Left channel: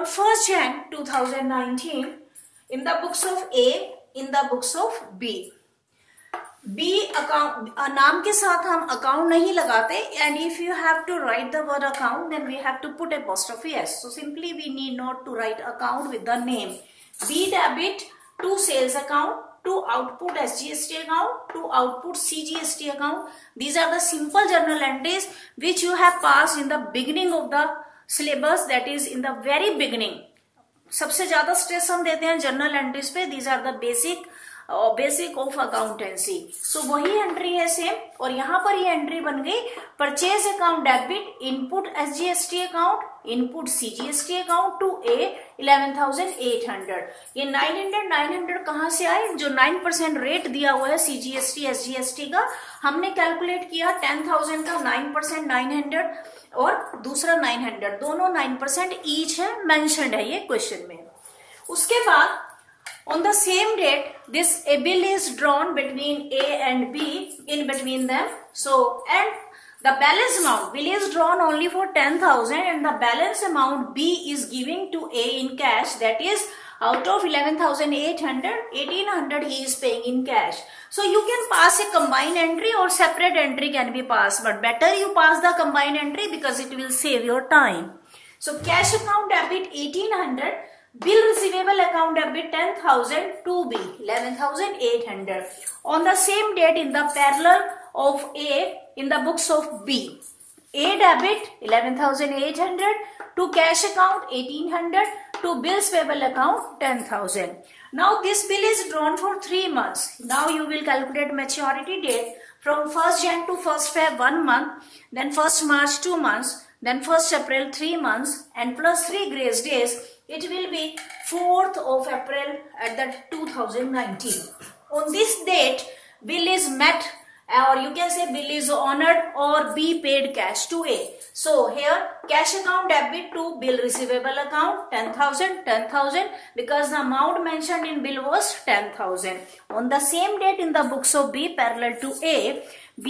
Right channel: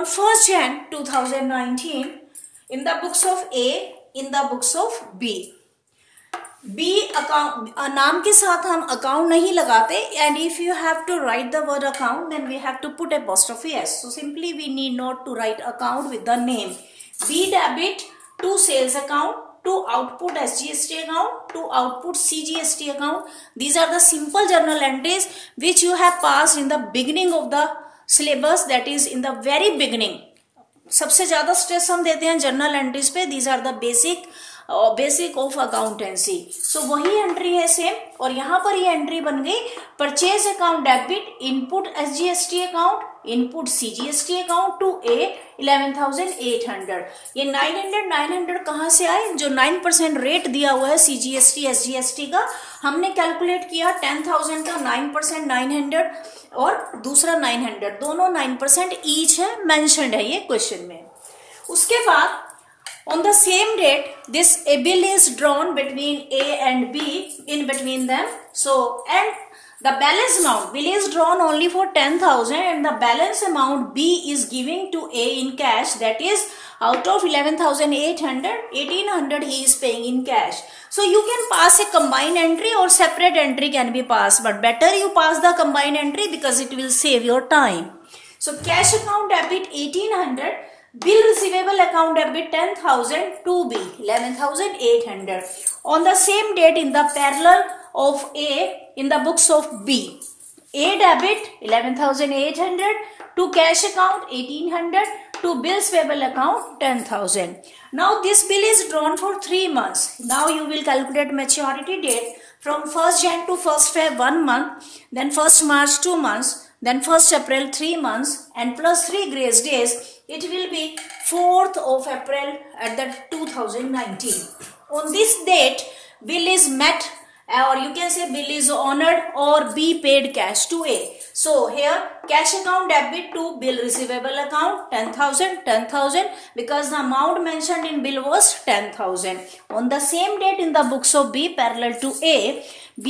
on 1st Jan 2019 in the books of A, in the books of B. B account नाम के साथ हम account नहीं लगाते, and if you have to write the word account then we have to put apostrophe s. So simply we need not to write account with the name. B debit to sales account, to output SGST account, to output CGST account. These are the simple journal entries which you have passed in the beginning of the syllabus, that is in the very beginning. सबसे ज्यादा stress हम देते हैं journal entries पे. These are the basic of accountancy. So वही entry है same, और यहाँ पर ये एंट्री बन गई purchase account debit, input SGST account, input CGST account to a 11,800. ये 900 कहाँ से आए? जो 9% रेट दिया हुआ है सीजीएसटी एसजीएसटी का, हमने कैलकुलेट किया 10,000 का 9% 900 और दूसरा 900, दोनों 9% ईच है, मेंशन्ड है ये क्वेश्चन में. उसके बाद on the same date this a bill is drawn between A and B, in between them. So and the balance amount, bill is drawn only for 10,000 and the balance amount B is giving to A in cash, that is out of 11,800, 1,800 he is paying in cash. So you can pass a combined entry or separate entry can be passed, but better you pass the combined entry because it will save your time. So cash account debit 1,800, bill receivable account debit 10,000 to B 11,800 on the same date in the parallel of A in the books of B. A debit 11,800 to cash account 1,800 to bills payable account 10,000. Now this bill is drawn for 3 months. Now you will calculate maturity date from 1st Jan to 1st Feb 1 month, then 1st March 2 months, then 1st April 3 months, and plus 3 grace days. It will be 4th of April at the 2019. On this date, bill is met, or you can say bill is honored or be paid cash to A. So here cash account debit to bill receivable account 10,000 because the amount mentioned in bill was 10,000. On the same date in the books of B parallel to A,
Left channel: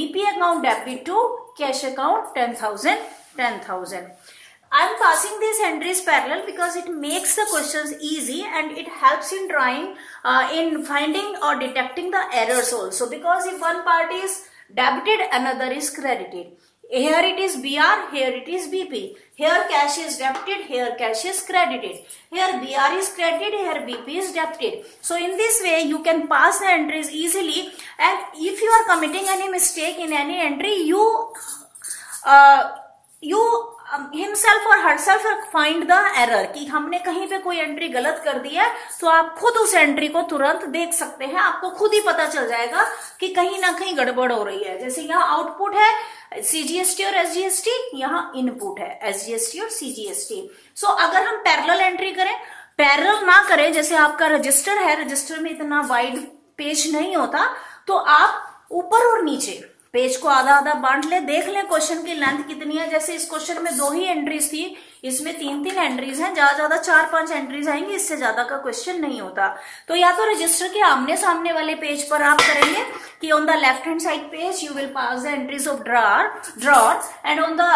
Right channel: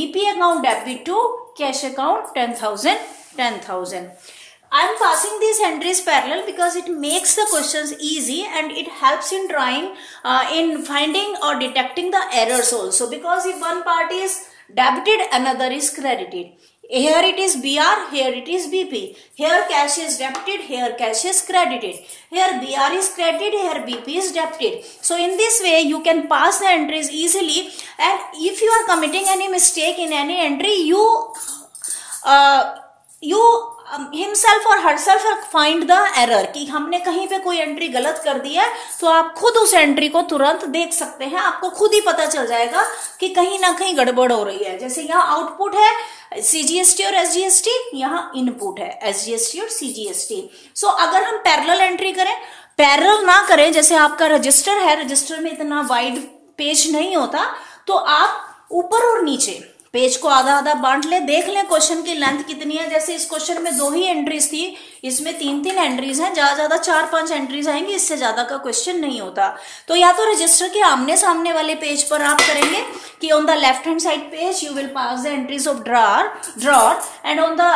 BP account debit to cash account 10,000. I am passing these entries parallel because it makes the questions easy and it helps in trying in finding or detecting the errors also, because if one part is debited another is credited. Here it is BR, here it is BP. Here cash is debited, here cash is credited. Here BR is credited, here BP is debited. So in this way you can pass the entries easily, and if you are committing any mistake in any entry, you himself or herself find the error कि हमने कहीं पे कोई entry गलत कर दिया है, तो आप खुद उस एंट्री को तुरंत देख सकते हैं. आपको खुद ही पता चल जाएगा कि कहीं ना कहीं गड़बड़ हो रही है. जैसे यहाँ आउटपुट है सीजीएसटी और एसजीएसटी, यहाँ इनपुट है एसजीएसटी और सीजीएसटी. सो अगर हम पैरेलल एंट्री करें, पैरेलल ना करें, जैसे आपका रजिस्टर है, रजिस्टर में इतना वाइड पेज नहीं होता, तो आप ऊपर और नीचे पेज को आधा आधा बांट ले, देख लें क्वेश्चन की लेंथ कितनी है. जैसे इस क्वेश्चन में 2 ही एंट्रीज थी, इसमें 3 एंट्रीज हैं, ज्यादा 4-5 एंट्रीज आएंगी, इससे ज्यादा का क्वेश्चन नहीं होता. तो या तो रजिस्टर के आमने सामने वाले पेज पर आप करेंगे कि on the left hand side page you will pass the entries of drawer and on the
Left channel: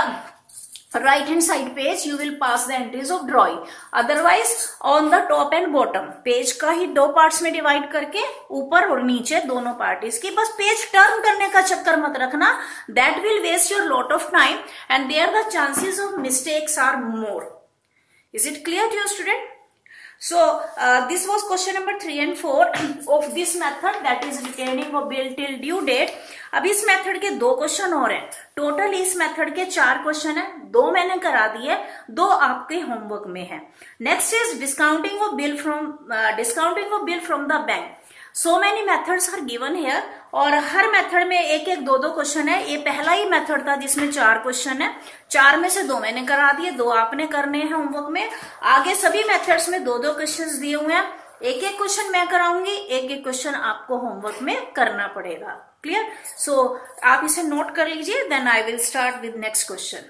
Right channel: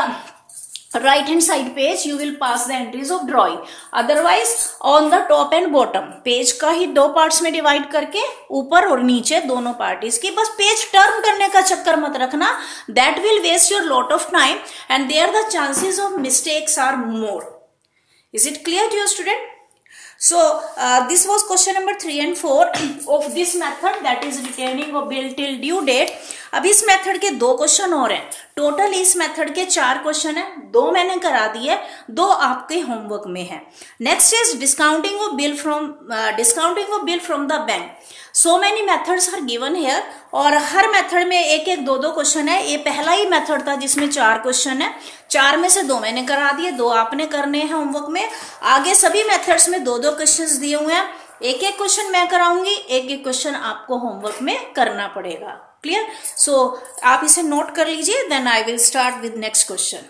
right hand side page you will pass the entries of drawing. Otherwise on the top and bottom page का ही 2 parts में divide करके ऊपर और नीचे दोनों parties की, बस page turn करने का चक्कर मत रखना. that will waste your lot of time and there the chances of mistakes are more. Is it clear to you student? So this was question number 3 and 4 of this method, that is retaining of bill till due date. अब इस method के 2 question और हैं. Total इस method के 4 question हैं, 2 मैंने करा दिए, 2 आपके होमवर्क में है. Next is discounting of bill from the bank. So many methods are given here, और हर मेथड में 1-1, 2-2 क्वेश्चन है. ये पहला ही मेथड था जिसमें 4 क्वेश्चन है. 4 में से 2 मैंने करा दिए, 2 आपने करने हैं होमवर्क में. आगे सभी मेथड्स में 2-2 क्वेश्चन दिए हुए हैं. 1-1 क्वेश्चन मैं कराऊंगी, 1-1 क्वेश्चन आपको होमवर्क में करना पड़ेगा. क्लियर? सो आप इसे नोट कर लीजिए. Then I will start with next question.